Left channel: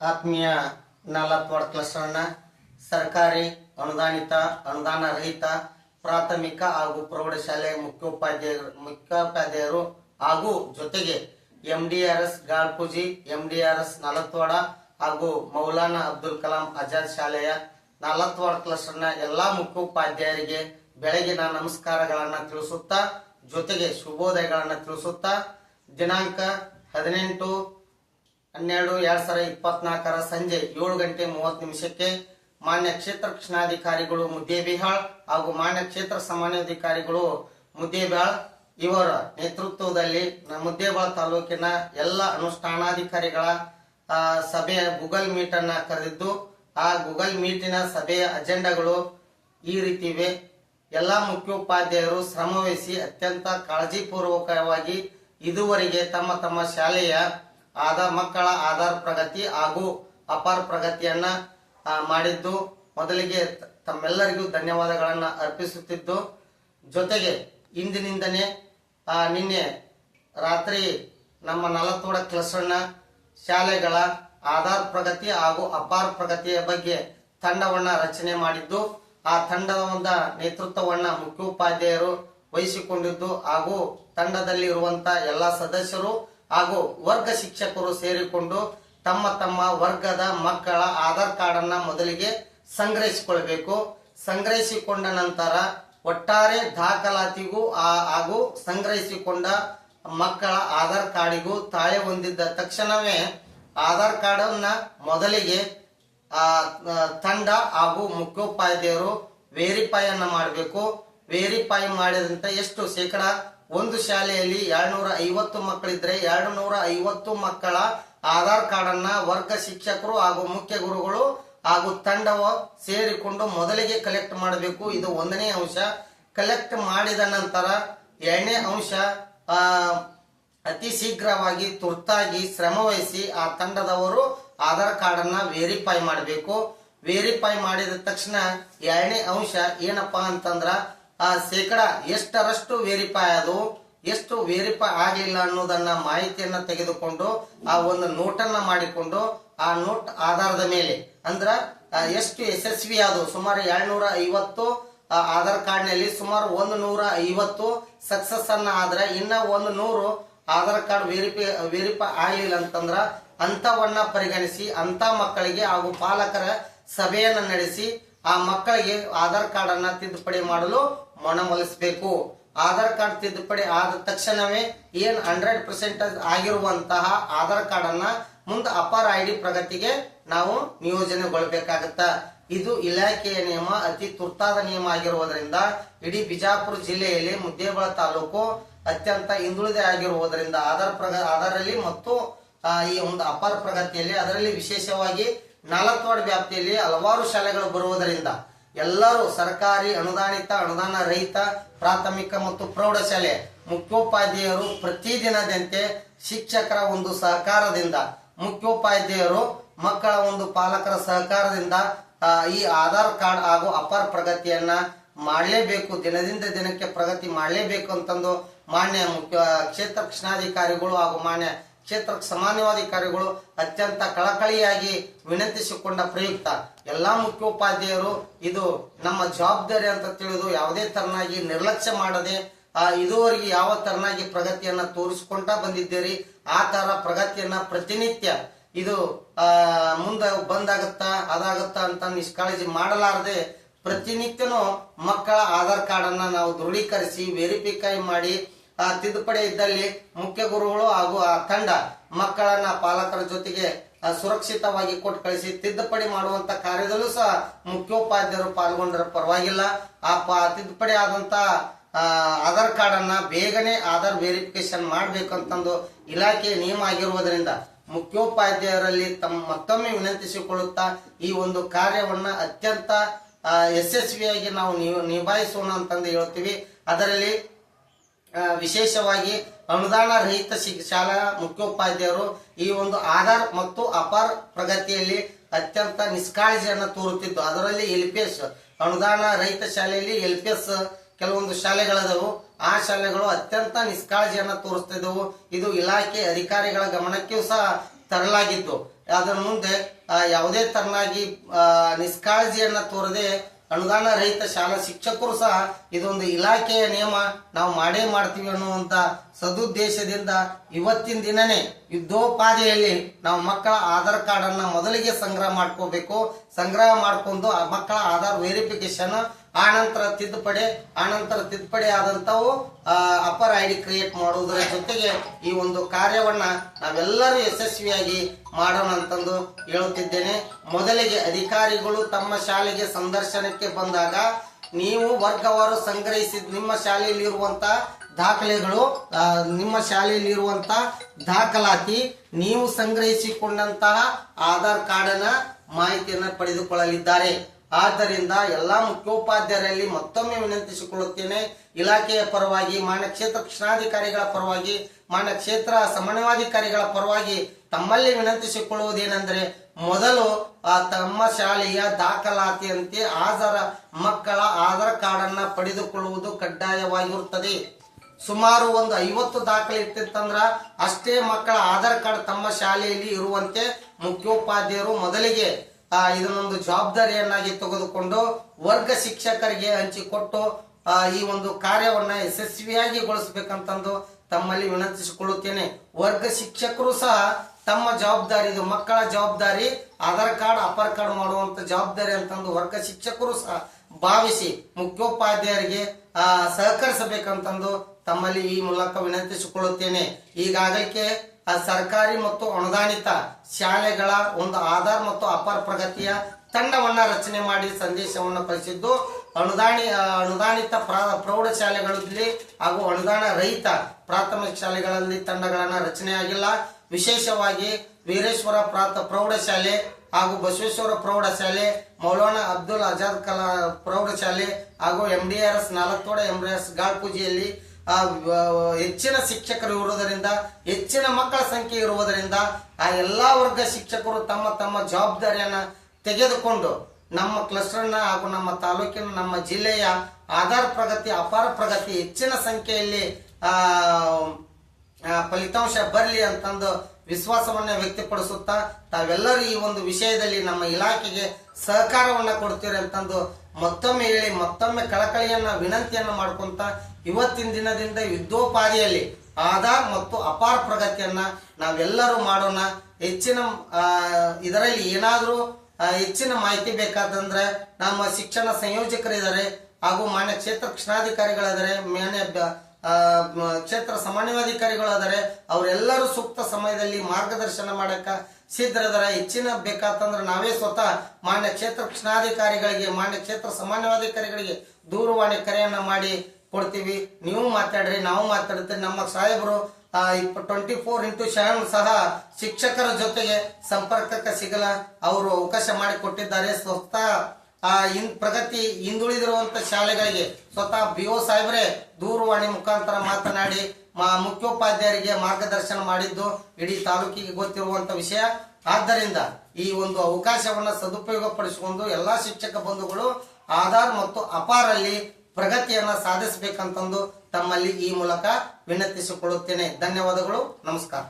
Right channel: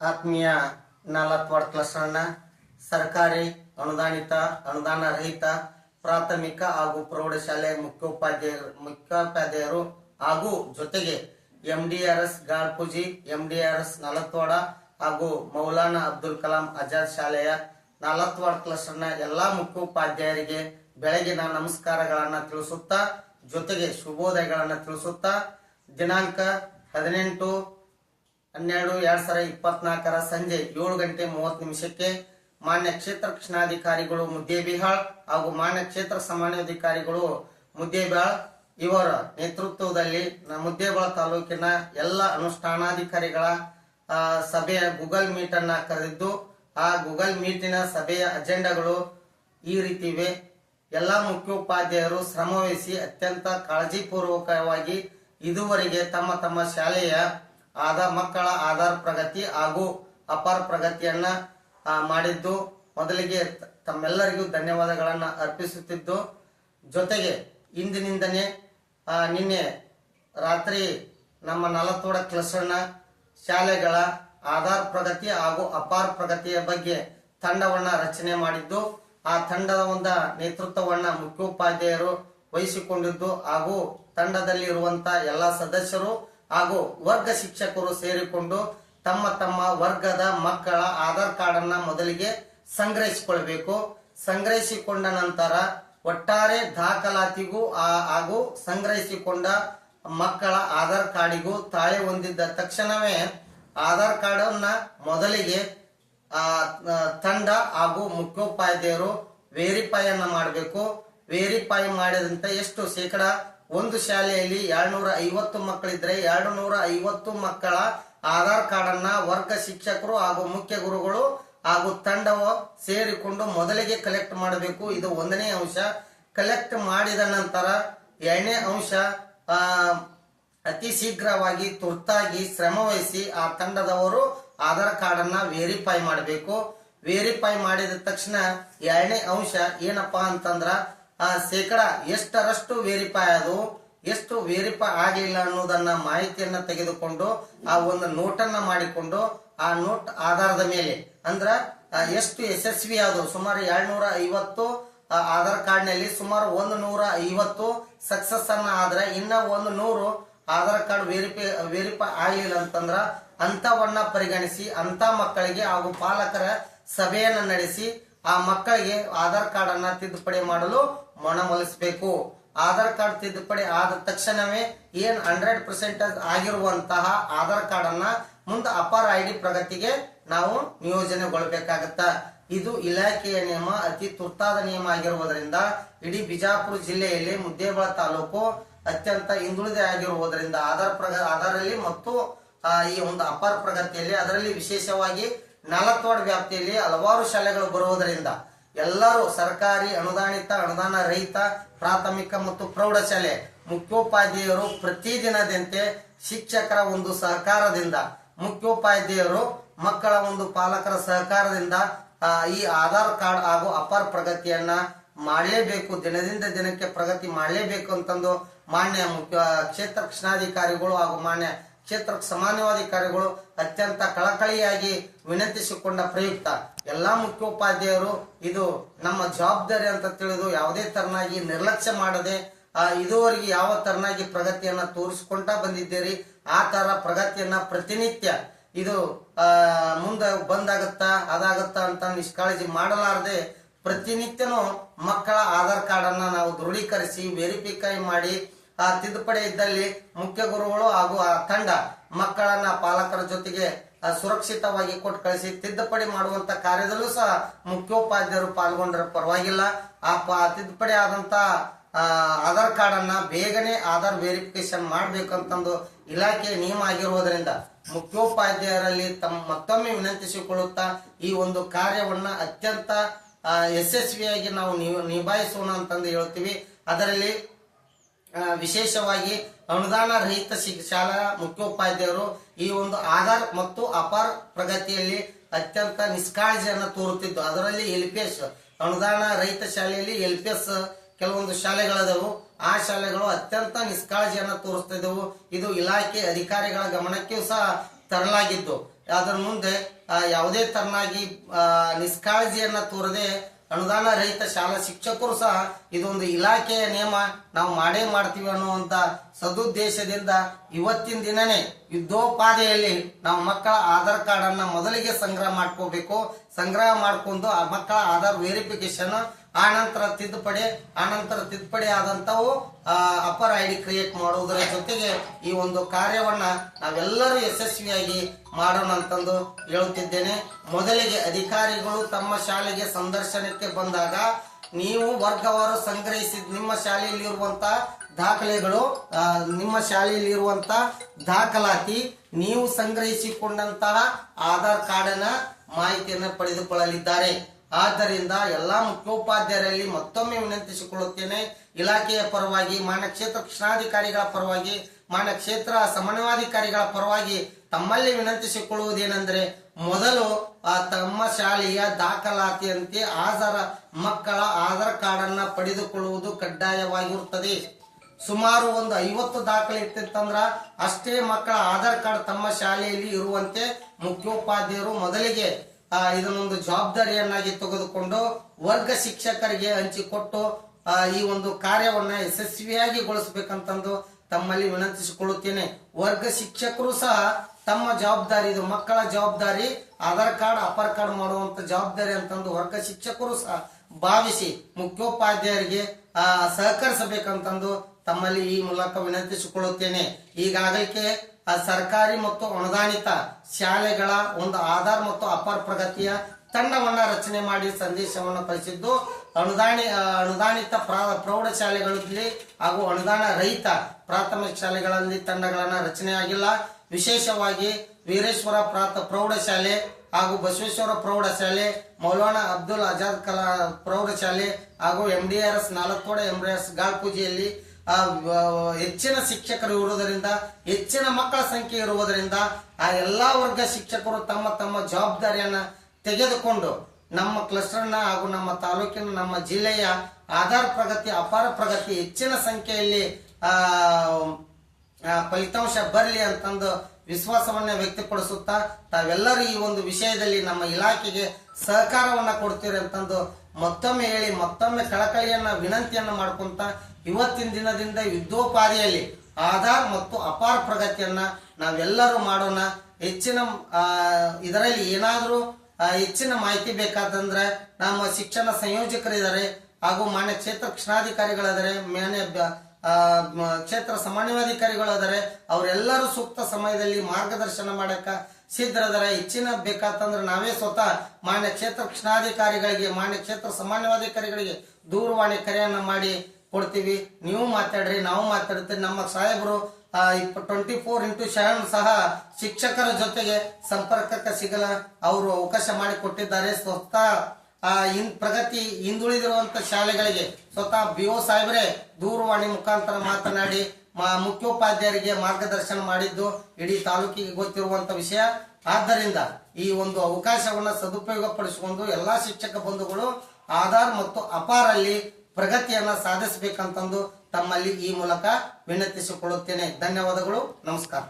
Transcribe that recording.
ಆತ್ಮೀಯ ನಾಲ್ಕವಾಡ ಕ್ಲಸ್ಟರ್ನ ಸರ್ಕಾರಿ ಅನುದಾನಿತ ಅನುದಾನ ರಹಿತ ಪ್ರಾಥಮಿಕ ಹಾಗೂ ಪ್ರೌಢಶಾಲೆ ಮುಖ್ಯೋಪಾಧ್ಯಾಯರು ಹಾಗೂ ಜೊತೆಗೆ ಎಂಡಿಆರ್ಎಸ್ ಗಾಳ್ಪೂಜಿ ಎಂಡಿಆರ್ಎಸ್ ನಾಲ್ಕವಾಡ ಹಾಗೂ ಮೌಲಾನಾ ಅಬ್ದುಲ್ ಕಲಾಂ ಆಜಾದ್ ಶಾಲೆಯ ನಾಲ್ಕವಾಡ ಕ್ಲಸ್ಟರ್ನ ಎಲ್ಲಾ ಮುಖ್ಯೋಪಾಧ್ಯಾಯರಿಗೆ ಬೆಳಗಿನ ನಮಸ್ಕಾರಗಳನ್ನ ತಿಳಿಸುತ್ತಾ ಜೊತೆಗೆ ಶುಭೋದಯಗಳನ್ನ ತಿಳಿಸುತ್ತಾ ದಿನಾಂಕ 18/12/2024 ಸಂಜೆ 7:30 ಮಾನ್ಯ ಕ್ಷೇತ್ರ ಕೃಷ್ಣಾಧಿಕಾರಿಗಳು ಮುದ್ದೇಬಿಹಾಳ್ ಹಾಗೂ ಮಾನ್ಯ ಕ್ಷೇತ್ರ ಸಾಮಾನ್ಯಾಧಿಕಾರಿಗಳು ಮುದ್ದೇಬಿಹಾಳ್ ಇವರ ನೇತೃತ್ವದಲ್ಲಿ ಮುದ್ದೇಬಿಹಾಳ್ ತಾಲೂಕಿನ ಎಲ್ಲ ಅನುಷ್ಠಾನಾಧಿಕಾರಿಗಳ ಸಭೆಯ ಗೂಗಲ್ ಮೀಟ್ ಅನ್ನ ಕರೆದಿದ್ದು ಆ ಗೂಗಲ್ ಮೀಟಿನ ಸಭೆಯ ಅಜೆಂಡಾಗಳು ಈ ರೀತಿ ಇವೆ. ಎಲ್ಲ ಮುಖ್ಯೋಪಾಧ್ಯಾಯರು ಶ್ರಮವಹಿಸಿ ಅತ್ಯಂತ ಕಾಳಜಿಪೂರ್ವಕವಾಗಿ ಇದುವರೆಗೆ ತಮ್ಮ ತಮ್ಮ ಶಾಲೆಯ ಮಕ್ಕಳ ಆಧಾರ್ ಪ್ರಗತಿ ಹಾಗೂ ಅಪಾರ ಪ್ರಗತಿಯನ್ನ ಮಾಡಿದ್ದು ಮೊದಲಿಗೆ ತಮ್ಮೆಲ್ಲರಿಗೂ ಧನ್ಯವಾದಗಳನ್ನ ಅರ್ಪಿಸುತ್ತಿದ್ದು, ಜೊತೆಗೆ ಇಂದಿನಿಂದನೇ ನಿನ್ನೆ ರಾತ್ರಿ ನಮ್ಮ ನಾಲ್ಕವಾಡ ಕ್ಲಸ್ಟರ್ನ ಶಾಲೆಗಳ ಆಧಾರ್ ಪ್ರಗತಿ ಹಾಗೂ ಅಪಾರ ಪ್ರಗತಿಯ ಬಗ್ಗೆ ತಂಡವನ್ನ ರಚನೆ ಮಾಡಿದ್ದು, ಆ ತಂಡದ ಒಂದು ನೇತೃತ್ವವನ್ನ ಮುಖ್ಯೋಪಾಧ್ಯಾಯರು ವಹಿಸಿಕೊಂಡಿದ್ದು ಹಾಗೂ ತಂಡದಲ್ಲಿ ಇರುವಂತಹ ಎಲ್ಲ ಸದಸ್ಯರು ಹಾಗೂ ವರ್ಗ ಶಿಕ್ಷಕರು ಸೇರಿಕೊಂಡು ತಮ್ಮ ತಮ್ಮ ವರ್ಗದ ಮಕ್ಕಳ ಆಧಾರ್ ಕಾರ್ಡ್ ಅನ್ನ ಮೊದಲಿಗೆ ಸಂಗ್ರಹಿಸಿಕೊಳ್ಬೇಕು. ಸಂಗ್ರಹಿಸಿಕೊಂಡ ನಂತರ ಒಟ್ಟಾರೆ ದಾಖಲಾತಿಗೂ ಹಾಗೂ ಸಂಗ್ರಹಿಸಿಕೊಂಡ ಮಕ್ಕಳ ಆಧಾರ್ ಕಾರ್ಡಿಗೂ ತಾಳೆ ಹೊಂದಿದ್ದ ತಕ್ಷಣವೇ ಆಧಾರ್ ಕಾರ್ಡ್ ಅನ್ನ ಮೊದಲಿಗೆ ತಂಡ ಹಾಗೂ ಮುಖ್ಯೋಪಾಧ್ಯಾಯರು ವೇರಿಫೈ ಅನ್ನ ಮಾಡಬೇಕು. ವೇರಿಫೈ ಮಾಡಿದಂತ ಎಷ್ಟು ಶೇಕಡಾ ಒಂದು ಶಾಲೆಯಲ್ಲಿ 250 ಮಕ್ಕಳಿದ್ರೆ 250 ಮಕ್ಕಳ ಆಧಾರ್ ಕಾರ್ಡ್ ಅನ್ನ ವರ್ಗ ಶಿಕ್ಷಕರು ಹಾಗೂ ಮುಖ್ಯ ಗುರುಗಳು ಹಾಗೂ ತಂಡವು ಸೇರಿಕೊಂಡು ಮೊದಲಿಗೆ ಕಲೆಕ್ಟ್ ಮಾಡಬೇಕು. ಇದು ಒಂದನೇ ಅಂಶ. ಕಲೆಕ್ಟ್ ಮಾಡಿದ ನಂತರ ಎರಡನೇ ಅಂಶ ಅತಿ ಶೀಘ್ರವಾಗಿ ತುರ್ತಾಗಿ ಶ್ರಮವಹಿಸಿ ಆ ತಂಡದವರು ಆಧಾರ್ ಕಾರ್ಡ್ ಅನ್ನ ವೇರಿಫೈ ಮಾಡಬೇಕು. ವೇರಿಫೈ ಮಾಡಿದ ತಕ್ಷಣ ಎರಡನೇ ಅಂಶ ಏನಪ್ಪಾ ಅಂತಂದ್ರ ಶೇಕಡ ಎಷ್ಟರಷ್ಟು ವೇರಿಫೈ ಅದು ಎಷ್ಟು ವೇರಿಫೈ ಆಗಲಿಲ್ಲ ಅನ್ನೋದನ್ನ ಮಾಹಿತಿಯನ್ನ ತೆಗೆದುಕೊಂಡು ಆ ಒಂದು ನೋಟನ್ನ ಮಾಡಿಕೊಂಡು ಆ ನೋಟ್ ಆಧಾರದ ಮೇಲೆ ಅಂದ್ರ ಎಷ್ಟು ಯಶಸ್ವಿ ಅದು ಸುಮಾರು 250 ಆಧಾರ್ ಕಾರ್ಡ್ ನಲ್ಲಿ ಸುಮಾರು 150 ಸಕ್ಸಸ್ ಅನ್ನ ಆದ್ರೆ ಇನ್ನ 100 ಆಧಾರ್ ಕಾರ್ಡ್ ವೇರಿಫೈ ಆಗಲಿಲ್ಲ ಅಂತಂದ್ರ ಅಂತವನ್ನ ಪರಿಗಣಿಸಿ ಅಂತ ಮಕ್ಕಳಿಗೆ ಹಾಗೂ ಪಾಲಕರ ಸಭೆಯನ್ನ ನಡೆಸಿ ಆ ಮಕ್ಕಳಿಗೆ ಆಧಾರ್ ಕಾರ್ಡ್ ಅನ್ನ ತಿದ್ದುಪಡಿ ಮಾಡಲು ಮನವೊಲಿಸಬೇಕು. ಆಧಾರ್ ಕಾರ್ಡ್ ತಿದ್ದುಪಡಿ ಆದ ತಕ್ಷಣವೇ 100% ಆಗಿರುವಂತಹ ಆಧಾರ್ ಕಾರ್ಡ್ ಅನ್ನ ಮುಂದೆ ಅಪಾರ ಐಡಿ ಪ್ರಗತಿಗೆ ನಾವು ನಿಯೋಜನೆಗೊಳ್ಳಬೇಕಾಗತ್ತ. ಇದು ಇಲಾಖೆಯ ನಿಯಮ, ಅತಿ ತುರ್ತಾದ ನಿಯಮ ಆಗಿರುವುದರಿಂದ ಇಡೀ ಬಿಜಾಪುರ ಜಿಲ್ಲೆಯಲ್ಲಿ ಮುದ್ದೇಬಿಹಾಳ್ ತಾಲೂಕು ಅತ್ಯಂತ ಹಿಂದುಳಿದ ಆಗಿರುವುದರಿಂದ ಆಧಾರಲ್ಲಿ ಮತ್ತು ಈ ಒಂದು ಅಪಾರ ಪ್ರಗತಿಯಲ್ಲಿ ಅದರಲ್ಲಿ ವಿಶೇಷವಾಗಿ ನಾಲ್ಕವಾಡ ವ್ಯಾಪ್ತಿಯಲ್ಲಿ ಹಲವಾರು ಶಾಲೆಗಳು ಬರುವುದರಿಂದ ಎಲ್ಲರೂ ಸರ್ಕಾರಿ ಅನುದಾನಿತ ಅನುದಾನ ರಹಿತ ಪ್ರಾಥಮಿಕ ಮತ್ತು ಪ್ರೌಢಶಾಲೆ ಮುಖ್ಯೋಪಾಧ್ಯಾಯರು ಪ್ರತಿದಿನದಂತೆ ಶಿಕ್ಷಕರ ಒಂದು ಸಹಕಾರದಿಂದ ಮುಖ್ಯೋಪಾಧ್ಯಾಯರು ಮಕ್ಕಳ ಒಂದು ಪಾಲಕರ ಸಹಕಾರದಿಂದ ಈ ಆಧಾರ್ ಕಾರ್ಡ್ ಹಾಗೂ ಅಪಾರ ಪ್ರಗತಿಯನ್ನ ಮಾಡಲೇಬೇಕು. ದಿನದಿಂದ ದಿನಕ್ಕೆ ಪ್ರಗತಿ ಮಾಡಲೇಬೇಕು ಅಂತಂದು ಮಾನ್ಯ ಕ್ಷೇತ್ರ ಕೃಷ್ಣಾಧಿಕಾರಿಗಳು ಹಾಗೂ ಮಾನ್ಯ ಕ್ಷೇತ್ರ ಸಾಮಾನ್ಯಾಧಿಕಾರಿಗಳು ಅತ್ಯಂತ ಕಳಕಳಿಯಾಗಿ ವಿನಂತಿಸಿಕೊಂಡ ಪ್ರಯುಕ್ತ ಎಲ್ಲಾ ಮುಖ್ಯೋಪಾಧ್ಯಾಯರು ಇದು ನಮ್ಮ ಜವಾಬ್ದಾರಿ ಅಂತ ತಿಳಿದು ಯಾವುದೇ ತರನಾಗಿ ನಿರ್ಲಕ್ಷ್ಯ ಮಾಡದೆ ಇದುವರೆಗೆ ಯಾವ ತರನಾಗಿ ಪ್ರಗತಿಯನ್ನ ತೋರಿಸಿಕೊಂಡ ಬಂದಿದ್ದೀರಿ ಆ ತರ ಪ್ರಗತಿಯನ್ನ ಪ್ರತಿನಿತ್ಯ ಇದು ಮುಂದೆ ಬಂದಾಗತ್ತಾ ಅದಾಗತ್ತಾ ಅಂತ ನಿಷ್ಕಾಳಜಿ ಮಾಡಲಾರದೆ ಪ್ರತಿನಿತ್ಯನೂ ಮಕ್ಕಳ ಆಧಾರ್ ಕಾರ್ಡ್ ಅನ್ನ ನಾವು ದೃಢೀಕರಿಸಿ ವೆರಿಫೈ ಮಾಡಿ ತಿದ್ದುಪಡಿ ಇದ್ದಲ್ಲಿ ಮುಖ್ಯ ಗುರುಗಳು ಹಾಗೂ ಆ ತಂಡ ಮಕ್ಕಳನ್ನ ಪಾಲಕರ ಜೊತೆಗೆ ಸುರಕ್ಷಿತವಾಗಿ ಕೊಟ್ಟು ಕಳಿಸಿ ತಿದ್ದುಪಡಿ ಮಾಡುವಂತ ಕಾರ್ಯದಲ್ಲೂ ಸಹ ಮುಖ್ಯೋಪಾಧ್ಯಾಯರು ಪಾಲ್ಗೊಂಡ್ರೆ ಪರವಾಗಿಲ್ಲ. ಆ ತಿದ್ದುಪಡಿ ಆದಂತ ಆಧಾರ್ ಕಾರ್ಡ್ ಅನ್ನ ಬೇಗನೆ ಆಧಾರ್ ವೆರಿಫಿಕೇಶನ್ ಮಾಡ್ಬೇಕಂತಂದು ಇಲಾಖೆಯ ನಿಯಮ ಆಗಿರುವುದರಿಂದ ಮುಖ್ಯೋಪಾಧ್ಯಾಯರಲ್ಲಿ ಮತ್ತೊಮ್ಮೆ ವಿನಂತಿಸಿಕೊಳ್ಳುತ್ತಾ ಈ ಒಂದು ಕಾರ್ಯವನ್ನ ಅತ್ಯಂತ ಯಶಸ್ವಿಯಾಗಿ ನಾವು ನಿಭಾಯಿಸೋಣ ಅಂತಂದು ಹೇಳ್ತೀವಿ. ಅದರಲ್ಲಿ ವಿಶೇಷವಾಗಿ ಅನುದಾನ ರಹಿತ ಶಾಲಾ ಮುಖ್ಯೋಪಾಧ್ಯಾಯರು ಈ ಒಂದು ಆಧಾರ್ ಮತ್ತು ಅಪಾರ ಪ್ರಗತಿಯಲ್ಲಿ ಅತ್ಯಂತ ನಿಷ್ಕಾಳಜಿಯನ್ನು ತೋರುತ್ತಿದ್ದು, ಅದರಲ್ಲಿ LPS ಅನುದಾನ ರಹಿತ ಶಾಲೆಯಲ್ಲಿ LPS ಕೆಲವೊಂದು ಶಾಲೆಗಳದವು. ಆ ಶಾಲೆಗಳು ಅತ್ಯಂತ ನಿಷ್ಕಾಳಜಿಯನ್ನು ತೋರಿಸ್ತಿದ್ದವು. ಇದು ಇಲಾಖೆ ಅಧಿಕಾರಿಗಳ ಗಮನಕ್ಕೆ ಸಹ ತರಲಾಗಿದ್ದು ಅದರ ಮುಂದೆ ಯಾವುದೇ ತರನಾಗಿ ನಿಷ್ಕಾಳಜಿಯನ್ನ ತೋರದೆ ಅನುದಾನ ರಹಿತ ಶಾಲಾ ಶಿಕ್ಷಕರು ಸಹ ಇದೊಂದು ಇಲಾಖೆಯ ನಿಯಮ ನಾವು ಮಾಡೇ ಮಾಡ್ತೀವಿ ಅನ್ನುವಂತ ಸದುದ್ದೇಶದಿಂದ ಇವತ್ತಿನ ದಿನನೇ ಯುದ್ಧೋಪಾದಿಯಲ್ಲಿ ನಾವು ಮಕ್ಕಳ ಆಧಾರ್ ಕಾರ್ಡ್ ಅನ್ನ ಮೊದಲಿಗೆ ಸಂಗ್ರಹ ಮಾಡ್ಕೋಬೇಕು. ಸಂಗ್ರಹ ಮಾಡ್ಕೊಂಡು ಆ ಮಕ್ಕಳ ಆಧಾರ್ ವೆರಿಫಿಕೇಶನ್ ಆನಂತರ ತಿದ್ದುಪಡಿ ಆದಂತವು ಅಪರ್ ಐಡಿ ಕ್ರಿಯೇಟ್ ಮಾಡುವುದರ ಜೊತೆಗೆ ಈ ಒಂದು ಕಾರ್ಯವನ್ನ ನಾವೆಲ್ಲರೂ ಯಶಸ್ವಿಯಾಗಿ ಮಾಡೋಣ ಅಂತಂದು ಹೇಳುತ್ತಿದ್ದೇನೆ. ಮೊದಲಿಗೆ ಅಧಿಕಾರಿಗಳು ತಮ್ಮ ಶಾಲೆಗೆ ಸಂದರ್ಶನಕ್ಕೆ ಬಂದಾಗ ನೀವು ವರ್ಗವಾರು ಸಂಗ್ರಹಿಸಿದ ನಿಮ್ಮ ಶಾಲೆಯಲ್ಲಿ ಇರುವಂತಹ ದಾಖಲೆಗಳು, ನಿಮ್ಮ ಶಾಲೆಯಲ್ಲಿ ಇರುವಂತಹ ದಾಖಲಾತಿ, ನೀವು ಸಂಗ್ರಹಿಸಿಕೊಂಡಂತಹ ಆಧಾರ್ ಕಾರ್ಡಿನ ಮಾಹಿತಿಯನ್ನು ಪಡೆದುಕೊಳ್ಳಲಿದ್ದಾರೆ. ಆದ್ದರಿಂದ ಎಲ್ಲಾ ಮುಖ್ಯೋಪಾಧ್ಯಾಯರಲ್ಲಿ ಮತ್ತೊಮ್ಮೆ ವಿನಂತಿಸಿಕೊಳ್ಳುತ್ತೇನೆ, ಇಲಾಖೆಯ ಪರವಾಗಿ, ಮಾನ್ಯ ಕ್ಷೇತ್ರ ಶಿಕ್ಷಣಾಧಿಕಾರಿಗಳ ಪರವಾಗಿ, ಮಾನ್ಯ ಕ್ಷೇತ್ರ ಸಮನ್ವಯಾಧಿಕಾರಿಗಳ ಪರವಾಗಿ ತಮ್ಮಲ್ಲಿ ವಿನಂತಿಸಿಕೊಳ್ಳುವುದೇನೆಂದರೆ, ಮೊದಲು ತಮ್ಮ ಶಾಲೆಯ ದಾಖಲಾತಿಯಂತೆ ಮಕ್ಕಳ ಆಧಾರ್ ಕಾರ್ಡ್ ಅನ್ನ ಪಡೆದುಕೊಳ್ಳುವುದು ಕಡ್ಡಾಯವಾಗಿರುತ್ತದೆ. ಸುಮಾರು ಒಂದು 50 ದಾಖಲೆ ಇರ್ತಿತ್ತಂದ್ರ ಅಷ್ಟೇ ಮಕ್ಕಳ ಆಧಾರ್ ಕಾರ್ಡ್ ತಮ್ಮ ಶಾಲೆಯಲ್ಲಿ ಇರುವಂತೆ ಮುಖ್ಯೋಪಾಧ್ಯಾಯರು ಮೊದಲಿಗೆ ಇದನ್ನೊಂದು ಜವಾಬ್ದಾರಿಯನ್ನಾಗಿ ತೆಗೆದುಕೊಂಡು ವರ್ಗ ಶಿಕ್ಷಕರಿಗೆ ಹಂಚಿಕೊಟ್ಟು ಈ ಒಂದು ಕಾರ್ಯವನ್ನ ಯಶಸ್ವಿಯಾಗಿ ಗೊಳಿಸಬೇಕಂತಂದು ತಮ್ಮಲ್ಲಿ ವಿನಂತಿಸಿಕೊಳ್ಳುತ್ತೇನೆ. ವರ್ಗ ಶಿಕ್ಷಕರು ಸಹ ತಮ್ಮ ಜವಾಬ್ದಾರಿ, ಇದು ಮಕ್ಕಳ ಜವಾಬ್ದಾರಿ, ಆಧಾರ್ ಕಾರ್ಡ್ ಅಪರ್ ಕಾರ್ಡ್ ಮಾಡುವಂತ ಜವಾಬ್ದಾರಿ ಅಂತಂದು ವರ್ಗ ಶಿಕ್ಷಕರು ಸಹ ಭಾವಿಸಿ ಮುಖ್ಯೋಪಾಧ್ಯಾಯರಿಗೆ ಸಹಕರಿಸಬೇಕಂತಂದು ತಮ್ಮಲ್ಲಿ ಈ ಮೂಲಕ ವಿನಂತಿಸಿಕೊಳ್ಳುತ್ತೇನೆ. ಈಗಾಗಲೇ ಸರ್ಕಾರಿ ಮತ್ತು ಅನುದಾನಿತ ಶಾಲೆಗಳ ಒಂದು ಆಧಾರ್ ಮತ್ತು ಅಪರ್ ಪ್ರಗತಿಯ ತಂಡವನ್ನ ರಚನೆ ಮಾಡಿ ಸಂದೇಶವನ್ನು ಕಳಿಸಿದ್ದು, ಅನುದಾನಿತ ಪ್ರೌಢಶಾಲೆಗಳಲ್ಲಿ ಹಾಗೂ ಅನುದಾನ ರಹಿತ ಪ್ರಾಥಮಿಕ ಶಾಲೆಗಳಲ್ಲಿ ತಂಡಗಳನ್ನ ರಚನೆ ಆಗಿಲ್ಲ. ವಿಶೇಷವಾಗಿ ವೀರೇಶ್ವರ ಪ್ರೌಢಶಾಲೆ ಹಾಗೂ ಬಸವೇಶ್ವರ ಪ್ರೌಢಶಾಲೆ, ಮೌಲಾನಾ ಅಬ್ದುಲ್ ಆಜಾದ್ ಕಲಾ ಪ್ರೌಢಶಾಲೆ ಹಾಗೂ MDRS ನಾಲತ್ತೋಡ MDRS ಗಾಳ್ಪೂಜಿಯಲ್ಲಿ ಹೆಚ್ಚಿನ ಶಿಕ್ಷಕರು ಇರುವುದರಿಂದ, ಹೆಚ್ಚಿನ ಮಕ್ಕಳ ಸಂಖ್ಯೆ ಇರುವುದರಿಂದ ಆ ಎಲ್ಲಾ ವರ್ಗ ಶಿಕ್ಷಕರು ತಮ್ಮ ತಮ್ಮ ಜವಾಬ್ದಾರಿಯನ್ನ ತೆಗೆದುಕೊಂಡು ನಮ್ಮ ಕ್ಲಸ್ಟರ್ನ ಹಾಗೂ ನಮ್ಮ ತಾಲೂಕಿನ, ನಮ್ಮ ಜಿಲ್ಲೆಯ ಆಧಾರ್ ಪ್ರಗತಿ, ಅಪಾರ ಪ್ರಗತಿ ಹೆಚ್ಚಿನ ಸಂಖ್ಯೆಯಲ್ಲಿ ಫಲಿತಾಂಶ ಬರಲಿ ಅಂತಂದು ವಿಶ್ವಾಸವನ್ನ ವ್ಯಕ್ತಪಡಿಸುತ್ತಾ ತಾವೆಲ್ಲರೂ ಈ ಒಂದು ವಿಷಯದಲ್ಲಿ ನಮ್ಮ ಇಲಾಖೆಗೆ ಸಹಕಾರವನ್ನ ಕೊಡ್ತೀರಿ ಅಂತಂದು ಮತ್ತೊಮ್ಮೆ ಹೇಳಿ, ಮತ್ತೊಮ್ಮೆ ಕಳಕಳಿಯನ್ನ ವಿನಂತಿಯನ್ನ ಮಾಡ್ಕೊಂತ ಇವತ್ತಿನ ದಿನದಿಂದ ಯುದ್ಧೋಪಾದಿಯಲ್ಲಿ ಆಧಾರ್ ಮತ್ತು ಅಪಾರ ಪ್ರಗತಿಯನ್ನ ನಾವೆಲ್ಲರೂ ಮಾಡೋಣ. ಹೆಚ್ಚಿನ ಇದರಲ್ಲಿ ಏನಾದರೂ ಹೆಚ್ಚಿನ ಮಾಹಿತಿ ಬೇಕಾದಂದ್ರೆ ನಮ್ಮ ಶಿಕ್ಷಣ ಸಂಯೋಜಕರಿದ್ದಾರೆ ಹಾಗೂ ಮಾನ್ಯ ಕ್ಷೇತ್ರ ಶಿಕ್ಷಣಾಧಿಕಾರಿಗಳಿದ್ದಾರೆ, ಮಾನ್ಯ ಕ್ಷೇತ್ರ ಸಮನ್ವಯಾಧಿಕಾರಿಗಳಿದ್ದಾರೆ. ಅವರೆಲ್ಲರೂ ಸೂಕ್ತ ಸಮಯದಲ್ಲಿ ಮಾರ್ಗದರ್ಶನ ಮಾಡಕ ಸಿದ್ಧರದರ. ಹೆಚ್ಚಿನ ಬೇಕಾತಂದ್ರೆ ನಾವೇ ಸ್ವತಃ ಮಾನ್ಯ ಕ್ಷೇತ್ರ ಶಿಕ್ಷಣಾಧಿಕಾರಿಗಳಿಗೆ, ಮಾನ್ಯ ಕ್ಷೇತ್ರ ಸಮನ್ವಯಾಧಿಕಾರಿಗಳಿಗೆ ದೂರವಾಣಿ ಕರೆಯನ್ನ ಮಾಡಿ ಕೊಡ್ತೀವಿ. ನೀವು ಮಾತಾಡ್ರಿ, ನಾವು ಮಾತಾಡ್ತೀವಿ. ನಮ್ಮ ಸಾಹೇಬರು 24x7 ಸಹ ಶಿಕ್ಷಕರ ಜೊತೆಗೆ ಸಂಪರ್ಕಕ್ಕೆ ಸಿಗಲ ಅವರು ಅವಕಾಶ ಮಾಡಿ ಕೊಟ್ಟಿದ್ದಾರೆ. ಸ್ವತಃ ಪ್ರಗತಿ ಹಿಂದುಳಿದಿರುವಂತ ಶಾಲೆಗಳಿಗೆ ಸ್ವತಃ BO ಸಾಹೇಬ್ರೆ ದೂರವಾಣಿ ಮುಖಾಂತರ ಮಾತನಾಡಿ ಮುಖ್ಯೋಪಾಧ್ಯಾಯರಿಗೆ ಮಾರ್ಗದರ್ಶನ ಮಾಡಿದ್ದು ಇಡೀ ತಾಲೂಕಿಗೆ ಗೊತ್ತಿರುವಂತ ವಿಷಯ. ಆದ್ದರಿಂದ ಈ ಒಂದು ಅವಕಾಶವನ್ನ ಸದುಪಯೋಗ ಪಡಿಸಿಕೊಂಡು ಎಲ್ಲಾ ಶಿಕ್ಷಕ ಬಂಧುಗಳು ಆಧಾರ್ ಮತ್ತು ಅಪಾರಲ್ಲಿ ಪ್ರಗತಿಯನ್ನ ಸಾಧಿಸಬೇಕಂತಂದು ತಮ್ಮಲ್ಲಿ ಈ ಮೂಲಕ ವಿನಂತಿಸಿಕೊಳ್ಳುತ್ತೇನೆ. ಧನ್ಯವಾದಗಳು, ನಮಸ್ಕಾರ.